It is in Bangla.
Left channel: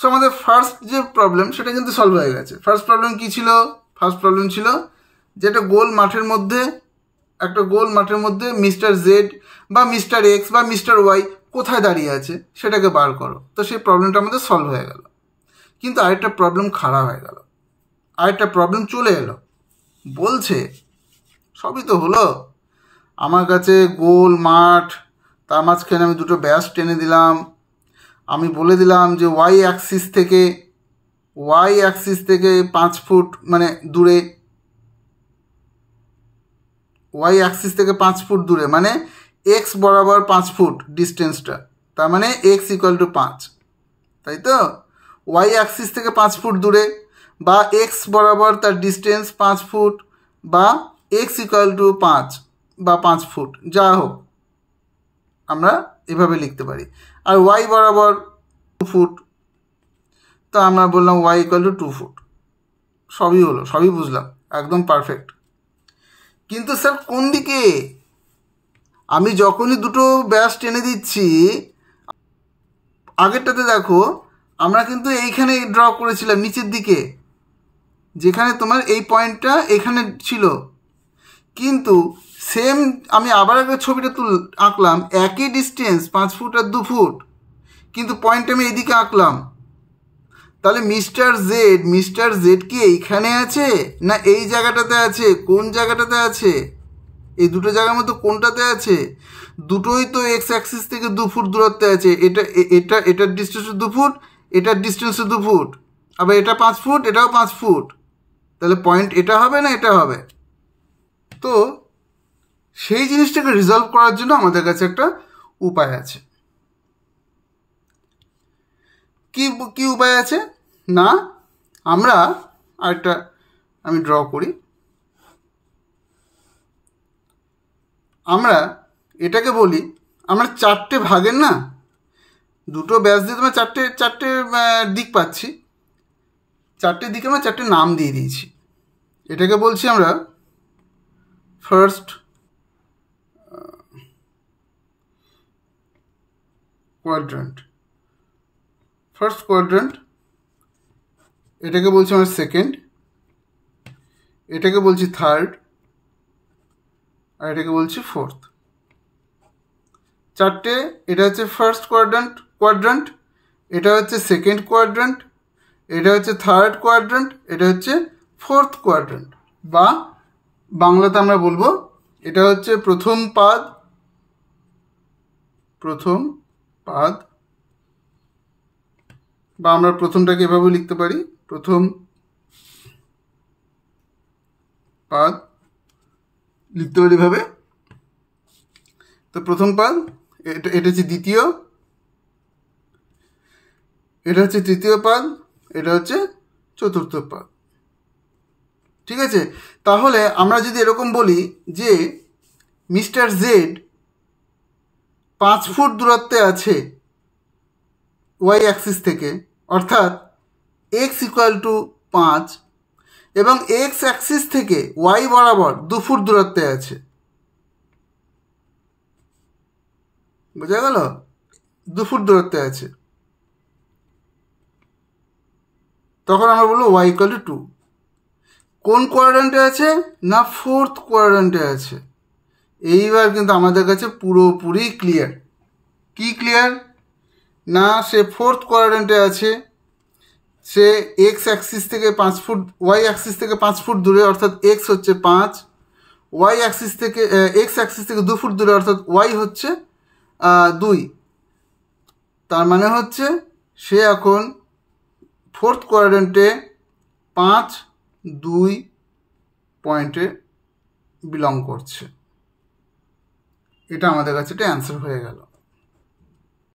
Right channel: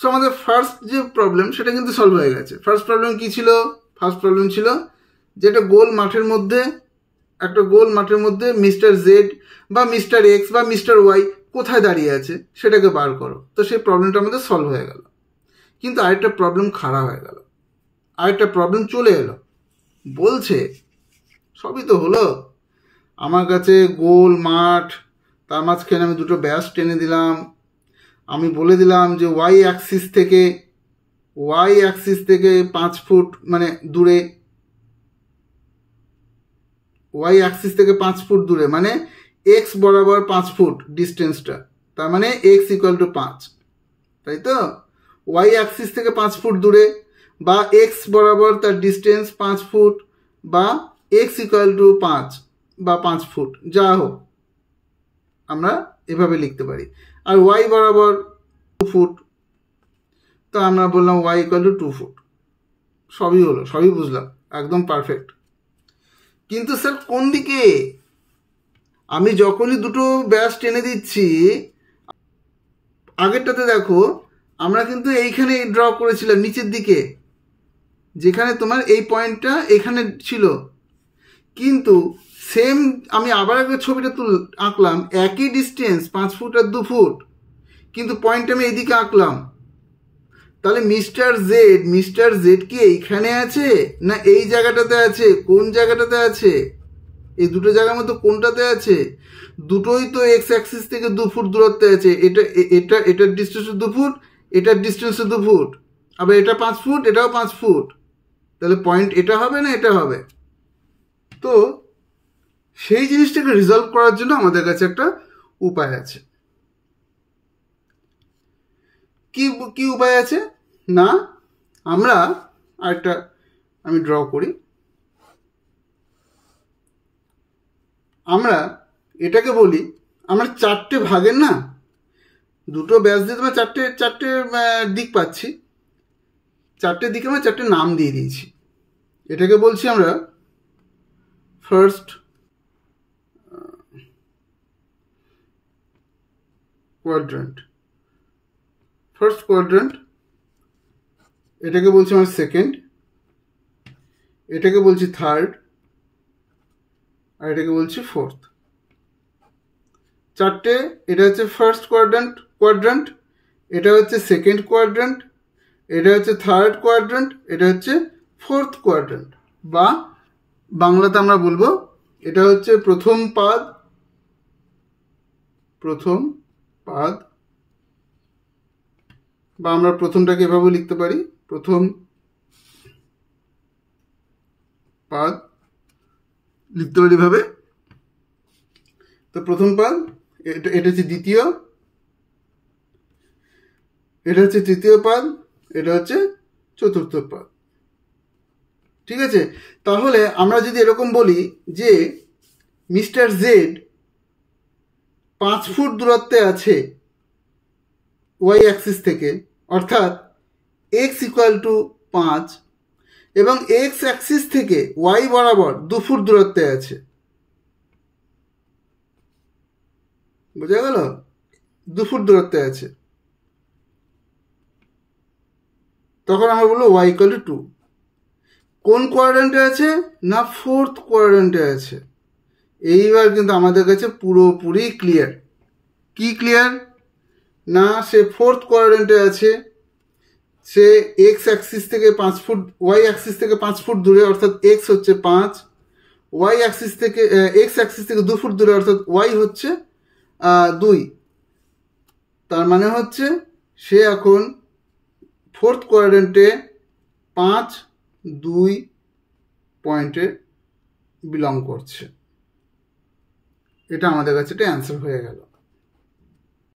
সো আমাদের ফার্স্ট যে প্রবলেম সেটা কিন্তু সলভ হয়ে গেছে। ফার্স্ট প্রবলেম কী ছিল? ফার্স্ট প্রবলেম ছিল যে একটা গোল মাঠের মধ্যে মিস্টার জেড বা মিস্টার এক্স বা মিস্টার ওয়াই কোথায় দাঁড়িয়ে আছে সেটাকে বার করো। তো সেই প্রবলেমটা আমাদের সলভ হয়ে গেল। কিন্তু আরেকটা প্রবলেম খারাপ হয়ে গেল, আরেকটা প্রবলেম চলে এলো। বলছে সবই তো হলো, আমার কাছে গোল মাঠ, তার মাঝখানে আমি দুটো ব্যাস টেনে দিলাম, আমি বলে দিলাম যে ওয়াই অ্যাক্সিস থেকে 5 ফুট মানে দূরে, ওয়াই অ্যাক্সিস থেকে 5 ফুট দূরে মানে এক্স বরাবর 5 ফুট ডিস্টেন্সটা, তার মানে এক্স ইকুয়াল টু 5, তাই তো? ওয়াই অ্যাক্সিস থেকে 5 ফুট দূরে বা এক্স বরাবর তার ডিস্টেন্স 5 ফুট বা এক্স ইকুয়াল টু 5 বা 5 ফুট, যা হোক আমরা এভাবে লিখতে পারি। আর ওয়াই বরাবর 2 ফুট, তো আমরা বললাম ওয়াই ইকুয়াল টু 2 ফুট। সবই হলো, সবই বুঝলাম, একদম পারফেক্ট। কিন্তু স্যার কোন দিকে? আমি যখনই দুটো ব্যাস টেনে দিচ্ছি, আগেরটাতে দেখো আমরা কিন্তু এইখানে ড্র করেছিলাম নিচের দিকে, যেখানে তোমার এই পয়েন্টটা এখানে ছিল, কিন্তু সেম আমি আবার আগে ছবিটা আঁকলাম, একই ডিস্টেন্স 5 ফুট আর 2 ফুট, কিন্তু পয়েন্ট আমি এইদিকে আঁকলাম। তাহলে মিস্টার জেড কি এইখানে আছে না এই জায়গাটাতে আছে? কোন জায়গাটাতে আছে? এই দুটো জায়গার মধ্যে কোনটাতে আছে? দুটোই তো এক্স অ্যাক্সিস থেকে 2 ফুট দূরত্বে আছে। এটার ডিস্টেন্স 2 ফুট, এটার ডিস্টেন্স 2 ফুট, আবার এটা 5 ফুট, এটাও 5 ফুট। তাহলে পয়েন্ট এটা হবে না এটা হবে? তো সেই জিনিসটাকে রিজলভ করার জন্য আমাদের কাছে একটা উপায় আছে। কি উপায় আছে না, আমরা আরেকটা আমি ড্র করি। আমরা এটাকে বলি, আমরা 4টে ভাগের না, দুটো ব্যাস দিয়ে তোমার চারটে দিক পাচ্ছি, 4টে দিকে আমরা 4টে নাম দিয়ে দিয়েছি। এটাকে বলছি আমরা ফার্স্ট কোয়াড্রেন্ট, এটাকে বলছি আমরা সেকেন্ড, এটাকে বলছি থার্ড, আর এটাকে বলছি ফোর্থ। 4টে, এটা হচ্ছে ফার্স্ট কোয়াড্রেন্ট, এটা হচ্ছে সেকেন্ড কোয়াড্রেন্ট, এটা হচ্ছে থার্ড কোয়াড্রেন্ট, এটা হচ্ছে ফোর্থ কোয়াড্রেন্ট, বা বাংলাতে আমরা বলবো এটা হচ্ছে প্রথম পাদ, বা আমরা প্রথমটাকে এভাবে লিখতে পারি, প্রথম পাদ লিখতে পারি এভাবে। তো প্রথম পাদ, এটা হচ্ছে দ্বিতীয়, এটা হচ্ছে তৃতীয় পাদ, এটা হচ্ছে চতুর্থ পাদ। ঠিক আছে? তাহলে আমরা যদি এরকম বলি যে মিস্টার জেড 5 ফুট দূরত্বে আছে ওয়াই অ্যাক্সিস থেকে, অর্থাৎ এক্স ইকুয়াল টু 5, এবং এক্স অ্যাক্সিস থেকে ওয়াই বরাবর 2 ফুট দূরত্বে আছে। বোঝা গেল? 2 ফুট দূরত্বে আছে। তখন আমরা বলবো ওয়াই ইকুয়াল টু 2। কোন কোয়াড্রেন্টে আছে না ফোর্থ কোয়াড্রেন্টে আছে। এইবার কিন্তু আমাদের কাছে পুরোপুরি ক্লিয়ার। কি ক্লিয়ার? না সে ফোর্থ কোয়াড্রেন্টে আছে, সে এক্স অ্যাক্সিস থেকে 5 ফুট, ওয়াই অ্যাক্সিস থেকে 5 ফুট দূরে, অর্থাৎ এক্স হচ্ছে 5, ওয়াই অ্যাক্সিস থেকে এক্স অ্যাক্সিস থেকে 2 ফুট দূরে, অর্থাৎ ওয়াই হচ্ছে 2। তার মানে হচ্ছে সে এখন ফোর্থ কোয়াড্রেন্টে 5, 2 পয়েন্টে বিলং করছে। এটা আমাদের কাছে একটা অ্যান্সার হয়ে গেল।